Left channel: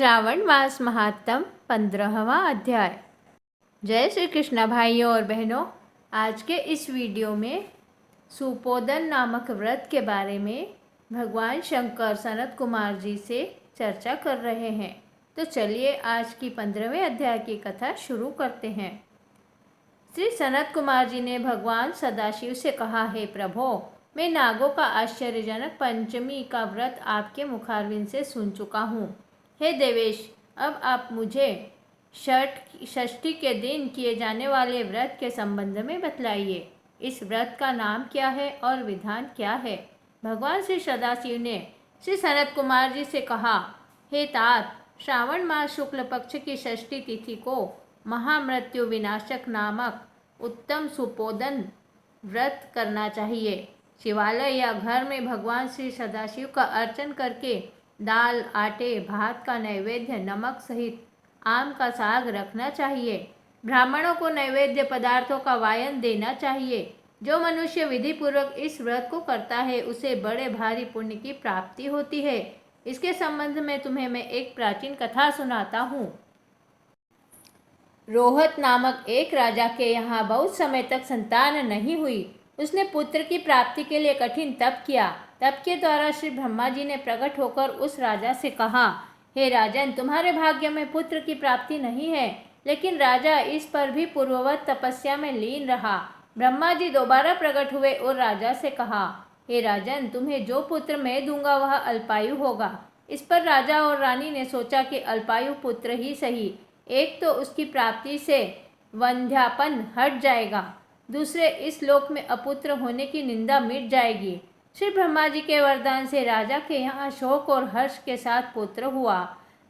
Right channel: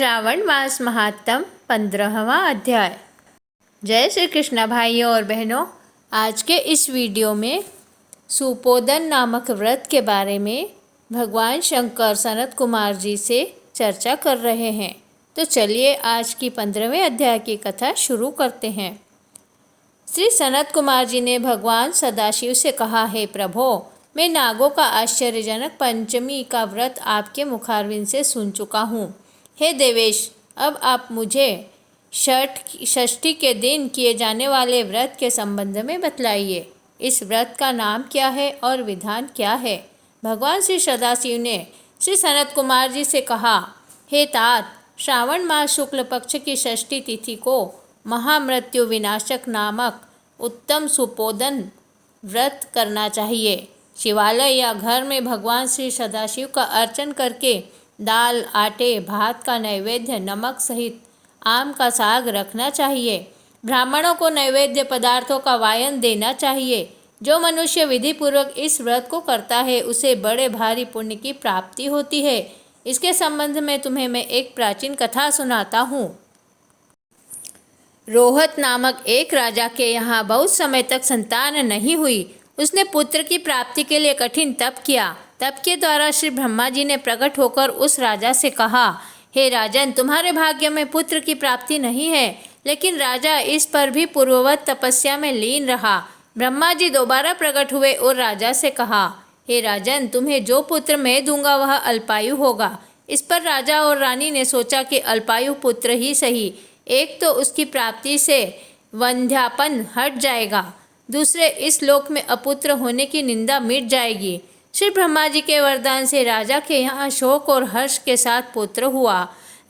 श्रावण मास महात्म 15वां अध्याय। जय श्री कृष्ण भाइयों और बहनों, आज के इस वीडियो में सुपोदन नामक व्रत के बारे में भगवान शंकर सनत कुमार जी से चर्चा कर रहे हैं। तो चलिए आज की 15वें अध्याय की कथा शुरू करते हैं। श्री सनत कुमार जी ने भगवान सदाशिव से कहा, हे प्रभो, मैं नागों का आश्चर्यजनक पंचमी का व्रत आपके मुखारविंद से सुन चुका हूँ। हे देवेश, अब आप मुझे षष्ठी के दिन किए जाने वाले व्रत के संबंध में बतलाइए। इस व्रत का नाम क्या है और विधान क्या है? भगवान श्री सदाशिव ने श्री सनत कुमार जी से कहा, हे तात, श्रावण मास शुक्ल पक्ष की षष्ठी तिथि को महामृत्यु विनाशक नामक उत्तम सुपोदन व्रत करना चाहिए। शिवालय या घर में भगवान श्री सदाशिव का अर्चन करके दाल, आटे, भात का नैवेद्य नमक सहित आम का साग रखना चाहिए। ब्राह्मणों को नैवेद्य पदार्थों का वायन देना चाहिए। जो मनुष्य विधि पूर्वक इस व्रत को करता है उसे बड़े भारी पुण्य की प्राप्ति होती है। इसके संबंध में तुम्हें मैं एक प्राचीन कथा सुनाता हूँ। रोहत नामक एक राजा के यहाँ बहुत समय तक संतान नहीं हुई। उसने पुत्र की प्राप्ति के लिए कठिन तप किया। तप के द्वारा श्री ब्रह्मा जी ने प्रकट होकर उस राजा से कहा, हे राजन, तुम्हारे भाग्य में पुत्र की प्राप्ति नहीं है। लेकिन राजा इस पर भी पूर्ववत तपस्या में लीन रहा। ब्रह्मा जी दोबारा प्रकट हुए और राजा से कहा, हे राजन, तुम्हें जो पुत्र मैं दूंगा वह अल्पायु होगा। इस पर राजा और रानी ने सोचा कि अल्पायु पुत्र ही सही। एक तो उसकी प्राप्ति से वंध्यापन हट जाएगा, दूसरे इस लोक में अपुत्र होने की निंदा मिट जाएगी। श्री ब्रह्मा जी के वरदान से राजा के यहाँ शोक और हर्ष के साथ पुत्र हुआ।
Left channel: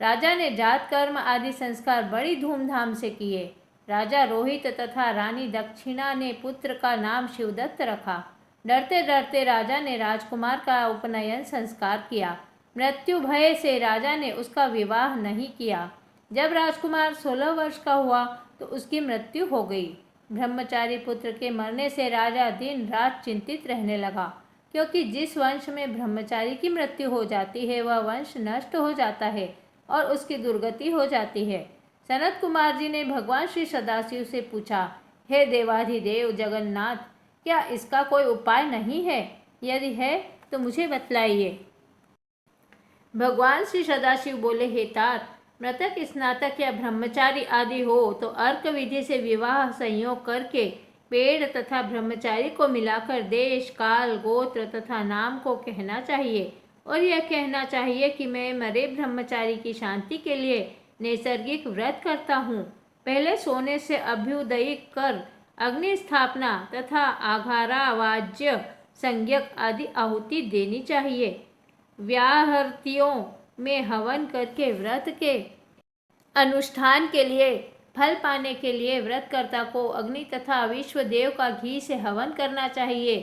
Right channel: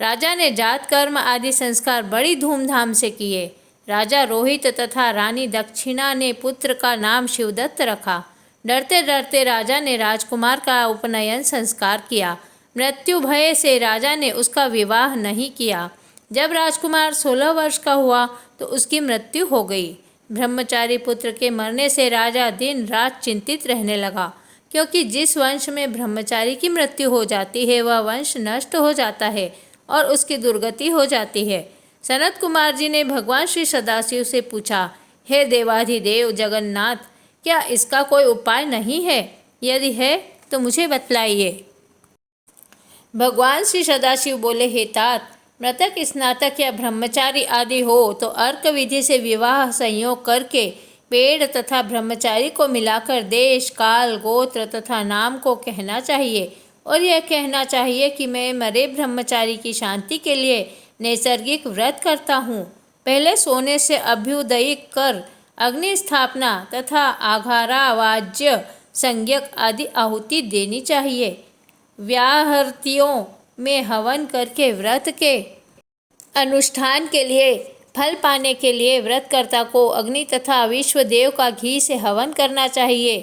राजा ने जात कर्म आदि संस्कार बड़ी धूमधाम से किए। राजा रोहित तथा रानी दक्षिणा ने पुत्र का नाम शिवदत्त रखा। डरते डरते राजा ने राजकुमार का उपनयन संस्कार किया। मृत्यु भय से राजा ने उसका विवाह नहीं किया। जब राजकुमार 16 वर्ष का हुआ तो उसकी मृत्यु हो गई। ब्रह्मचारी पुत्र के मरने से राजा दिन रात चिंतित रहने लगा, क्योंकि जिस वंश में ब्रह्मचारी की मृत्यु हो जाती है वह वंश नष्ट हो जाता है और उसकी दुर्गति हो जाती है। सनत कुमार जी ने भगवान श्री सदाशिव से पूछा, हे देवाधिदेव जगन्नाथ, क्या इसका कोई उपाय नहीं है? यदि है तो मुझे बतलाइए। भगवान श्री सदाशिव बोले, हे तात, मृतक स्नातक या ब्रह्मचारी आदि हो तो अर्क विधि से विवाह संयोग करके पेड़ तथा ब्रह्मचारी को मिलाकर देश, काल, गोत्र तथा नाम को कहना चाहिए और यह कहना चाहिए कि मैं मरे ब्रह्मचारी की शांति के लिए नैसर्गिक व्रत करता हूँ। पहले सोने से अभ्युदयिक कर अग्नि स्थापना तथा आघारा, वाज्य, संज्ञक आदि आहुति देनी चाहिए। व्याहृतियों में हवन करके व्रत के अनुष्ठान के लिए फल पाने के लिए व्रतकर्ता को अग्नि तथा विश्व देव का घी से हवन करना चाहिए।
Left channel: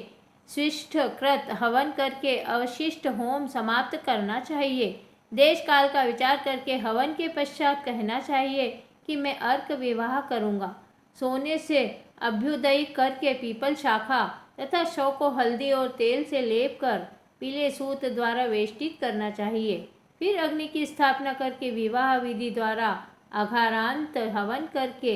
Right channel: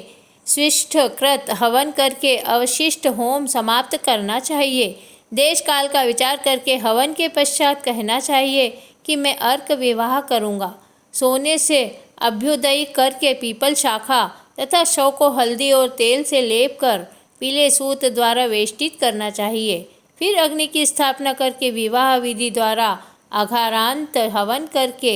स्विष्ठ कृत हवन करके अवशिष्ट होम समाप्त करना चाहिए। देश काल का विचार करके हवन के पश्चात कहना चाहिए कि मैं अर्क विवाह करूँगा। सोने से अभ्युदय करके पीपल शाखा तथा शव को हल्दी और तेल से लेप कर पीले सूत द्वारा वेष्टित करना चाहिए। फिर अग्नि की स्थापना करके विवाह विधि द्वारा आघारांत हवन करके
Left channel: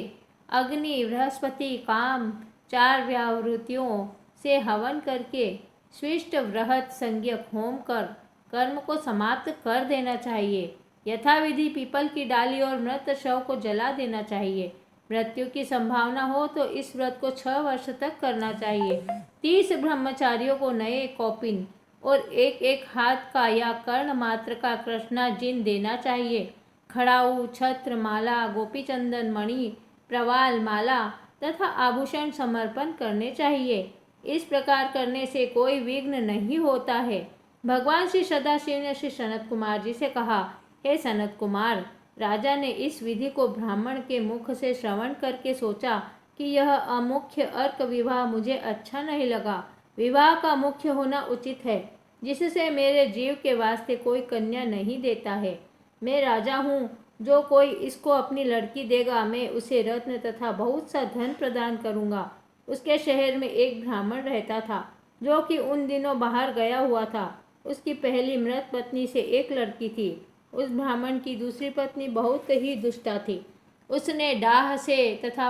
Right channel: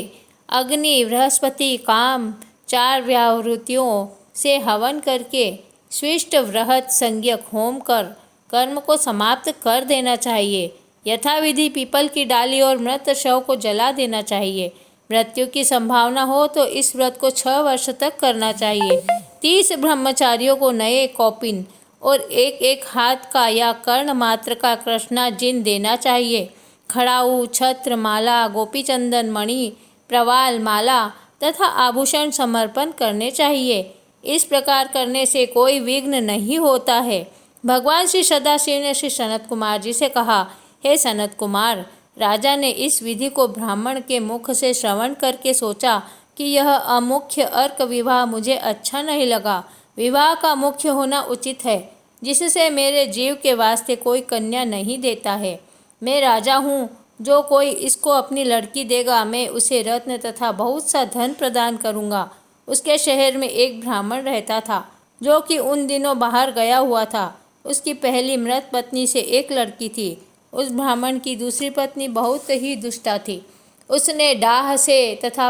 अग्नि, बृहस्पति, काम, 4 व्यावृत्तियों से हवन करके स्विष्ट वृहत संज्ञक होम कर कर्म को समाप्त कर देना चाहिए। यथाविधि पीपल की डाली और मृत शव को जला देना चाहिए। मृत्यु की संभावना हो तो इस व्रत को 6 वर्ष तक करना चाहिए। 30 ब्रह्मचारियों को नए कौपिन और एक हाथ का या कर्ण मात्र का कृष्णाजिन देना चाहिए। खड़ाऊ, छत्र, माला, गोपीचंदन, मणि, प्रवाल, माला तथा आभूषण समर्पण करने चाहिए। इस प्रकार करने से कोई विघ्न नहीं होता है। भगवान श्री सदाशिव ने श्री सनत कुमार जी से कहा, हे सनत कुमार, राजा ने इस विधि को ब्राह्मण के मुख से श्रवण करके सोचा कि यह अमुख्य अर्क विवाह मुझे अच्छा नहीं लगा। विवाह का मुख्य होना उचित है, जिससे मेरे जीव के वास्ते कोई कन्या नहीं देता है। मैं राजा हूँ, जो कोई इसको अपनी लड़की देगा मैं उसे रत्न तथा बहुत सा धन प्रदान करूँगा। उसके शहर में एक ब्राह्मण रहता था, जो कि उन दिनों बाहर गया हुआ था। उसकी पहली मृत पत्नी से एक लड़की थी। उस ब्राह्मण की दूसरी पत्नी बहुत ही दुष्टा थी। उसने डाह से तथा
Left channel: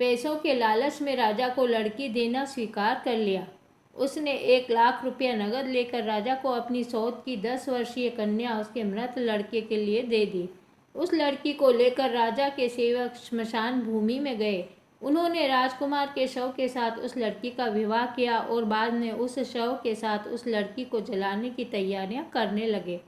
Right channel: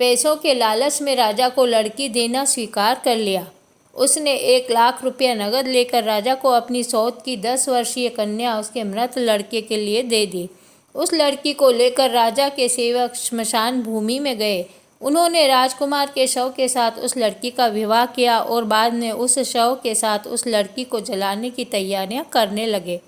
पैसों के लालच में राजा को लड़की देना स्वीकार कर लिया। उसने 1,00,000 रुपया नगद लेकर राजा को अपनी सौत की 10 वर्षीय कन्या उसके मृत लड़के के लिए दे दी। उस लड़की को लेकर राजा के सेवक श्मशान भूमि में गए। उन्होंने राजकुमार के शव के साथ उस लड़की का विवाह किया और बाद में उस शव के साथ उस लड़की को जलाने की तैयारियां करने लगे।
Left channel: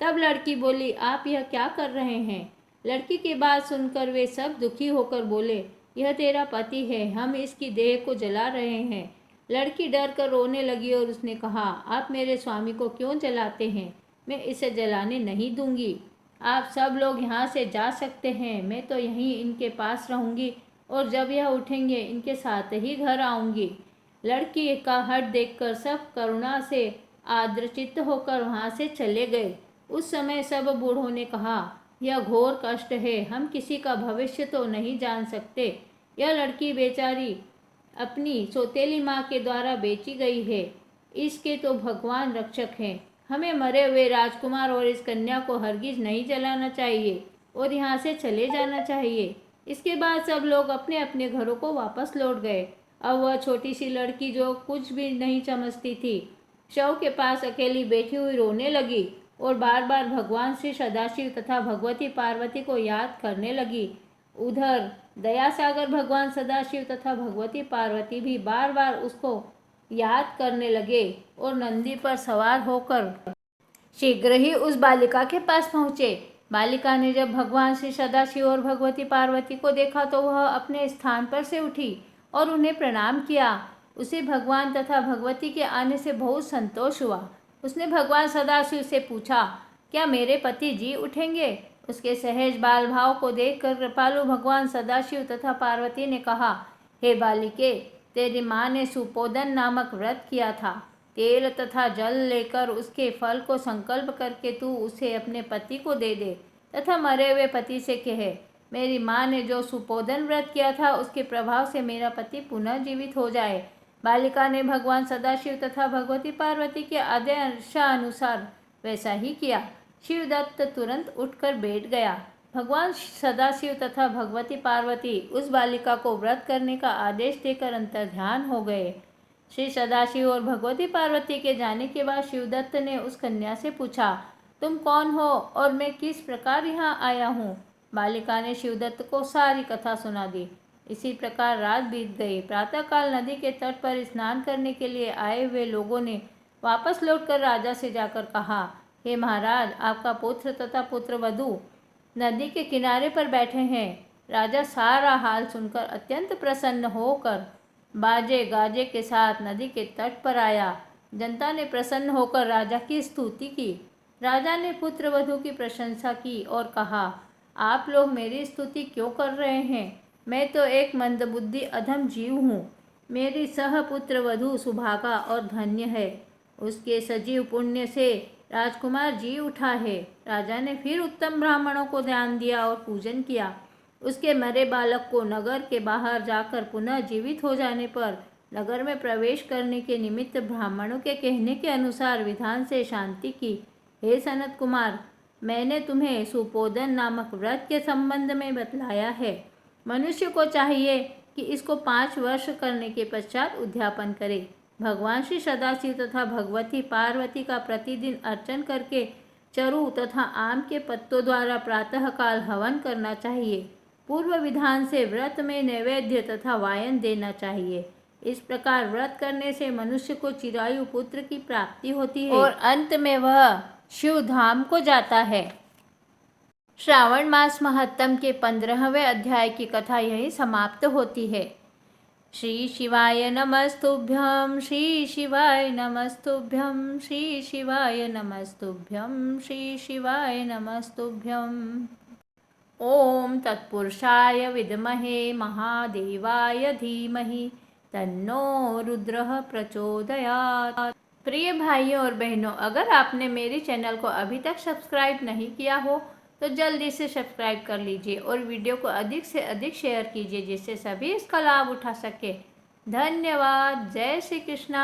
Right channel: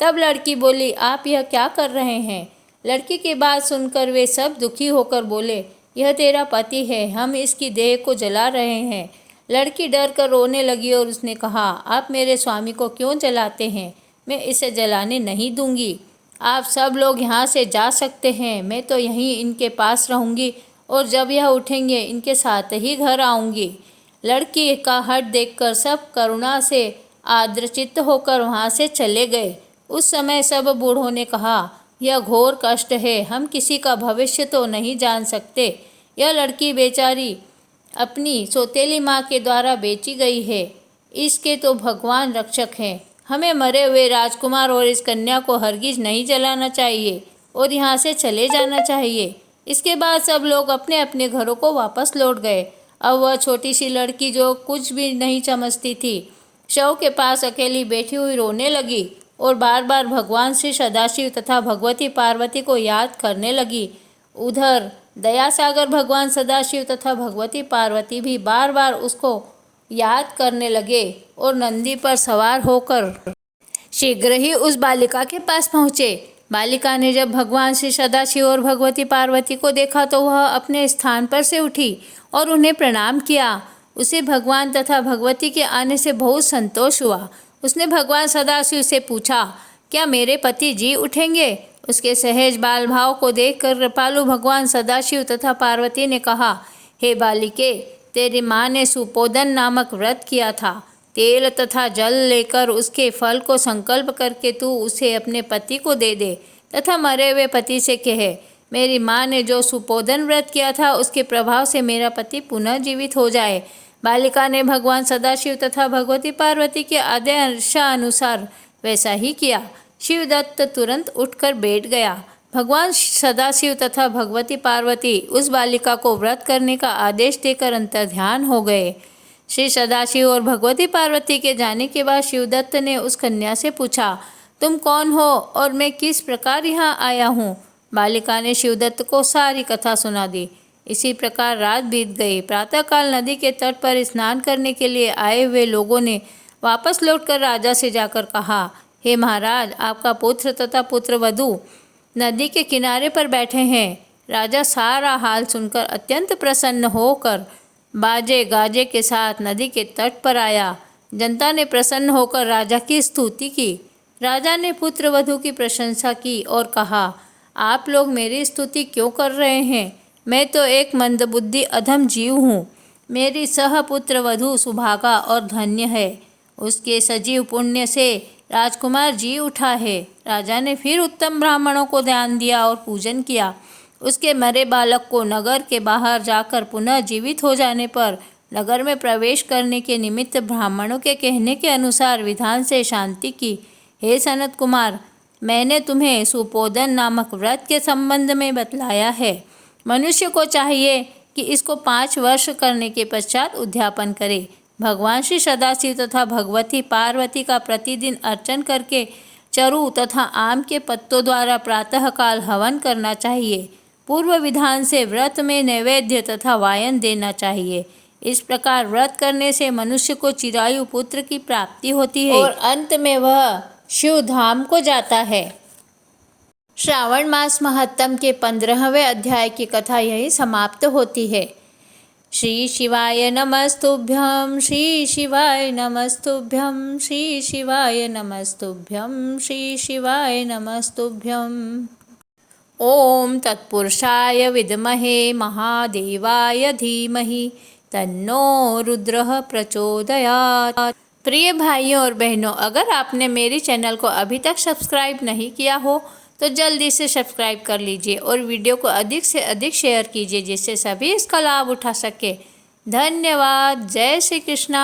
तब लड़की बोली, आप यह क्या कर रहे हैं? लड़की की बात सुनकर वे सब दुखी होकर बोले, यह तेरा पति है, हम इसकी देह को जला रहे हैं। लड़की डर कर रोने लगी और उसने कहा, आप मेरे स्वामी को क्यों जलाते हैं? मैं इसे जलाने नहीं दूंगी। आप सब लोग यहाँ से जा सकते हैं, मैं तो यहीं इनके पास रहूँगी और जब यह उठेंगे इनके साथ ही घर आऊँगी। लड़की का हट देखकर सब करुणा से आर्द्रचित्त होकर वहाँ से चले गए। उस समय सब बूढ़ों ने कहा, यह घोर कष्ट है, हम किसी का भविष्य तो नहीं जान सकते। यह लड़की बेचारी अपनी सौतेली माँ के द्वारा बेची गई है, इसके तो भगवान रक्षक हैं। हमें मरे हुए राजकुमार और इस कन्या को हरगिज नहीं जलाना चाहिए और यहाँ से चले जाना चाहिए। इसके बाद सब लोग अपने अपने घरों को वापस लौट गए। अब वह छोटी सी लड़की जो कुछ भी नहीं समझती थी, शव के पास अकेली बैठी हुई रोने लगी और बार बार भगवान श्री सदाशिव तथा भगवती पार्वती को याद करने लगी। उधर दयासागर भगवान सदाशिव तथा भगवती पार्वती भी बार बार उसको याद करने लगे और नंदी पर सवार होकर शीघ्र ही उस बालिका के पास पहुँचे। बालिका ने जब भगवान श्री सदाशिव और भगवती पार्वती को देखा तो वह अपने स्थान पर से उठी और उन्हें प्रणाम किया। उसे भगवान तथा भगवती के आने से बहुत संतोष हुआ। उसने भगवान सदाशिव से पूछा, क्या मेरे पति जी उठेंगे? उसके सहज बाल भाव को देखकर कृपालु भगवान सदाशिव तथा पार्वती ने कहा, हे बालिके, तेरी माँ ने सुपोदन नामक व्रत किया था। तेल तथा जल लेकर उसके फल को संकल्प करके तू उसे अपने पति को दे दे तथा मरे हुए पति से कहे, मेरी माँ ने जो सुपोदन व्रत किया था उसके प्रभाव से मेरा पति पुनः जीवित हो जाए। बालिका ने भगवान सदाशिव तथा भगवती पार्वती के आदेशानुसार वैसा ही किया। शिवदत्त तुरंत उठकर बैठ गया। भगवान सदाशिव तथा भगवती पार्वती उस बालिका को व्रत करने का आदेश देकर अंतर्ध्यान हो गए। श्री सदाशिव और भगवती पार्वती के जाने के बाद शिवदत्त ने उस कन्या से पूछा, तुम कौन हो और मैं किस प्रकार यहाँ आया हूँ? बालिका ने शिवदत्त को सारी कथा सुना दी। इसी प्रकार रात बीत गई। प्रातःकाल नदी के तट पर स्नान करने के लिए आए हुए लोगों ने वापस लौटकर राजा से जाकर कहा, हे महाराज, आपका पुत्र तथा पुत्रवधू नदी के किनारे पर बैठे हैं। राजा सारा हाल सुनकर अत्यंत प्रसन्न होकर बाजे गाजे के साथ नदी के तट पर आया। जनता ने प्रसन्न होकर राजा की स्तुति की। राजा ने पुत्रवधू की प्रशंसा की और कहा, आप लोग मेरी स्तुति क्यों कर रहे हैं? मैं तो एक मंदबुद्धि अधम जीव हूँ। मेरी सहपुत्रवधू सुभागा और धन्य है। उसके सजीव पुण्य से राजकुमार जी उठा है। राजा ने फिर उत्तम ब्राह्मणों को ध्यान दिया और पूजन किया। उसके मरे बालक को नगर के बाहर जाकर पुनः जीवित हो जाने पर नगर में प्रवेश करने के निमित्त ब्राह्मणों के कहने के अनुसार विधान से शांति की। हे सनत कुमार, मैंने तुम्हें सुपोदन नामक व्रत के संबंध में बतलाया है। मनुष्य को चाहिए कि इसको 5 वर्ष करने के पश्चात उद्यापन करे। भगवान श्री सदाशिव तथा भगवती पार्वती का प्रतिदिन अर्चन करके चरु तथा आम के पत्तों द्वारा प्रातःकाल हवन करना चाहिए। पूर्व विधान से व्रत में नैवेद्य तथा वायन देना चाहिए। इस प्रकार व्रत करने से मनुष्य को चिरायु पुत्र की प्राप्ति होती है और अंत में वह शिव धाम को जाता है। श्रावण मास महत्तम के 15वें अध्याय की कथा यही समाप्त होती है। श्री शिवाय नमस्तुभ्यं, श्री शिवाय नमस्तुभ्यं, श्री शिवाय नमस्तुभ्यं, श्री शिवाय नमस्तुभ्यं। ओम तत्पुरुषाय विद्महे महादेवाय धीमहि तन्नो रुद्रः प्रचोदयात्। प्रिय भाइयों और बहनों, अगर आपने मेरे चैनल को अभी तक सब्सक्राइब नहीं किया हो तो जल्दी से सब्सक्राइब कर लीजिए और वीडियो को अधिक से अधिक शेयर कीजिए जिससे सभी इसका लाभ उठा सके। धन्यवाद। जय श्री कृष्णा।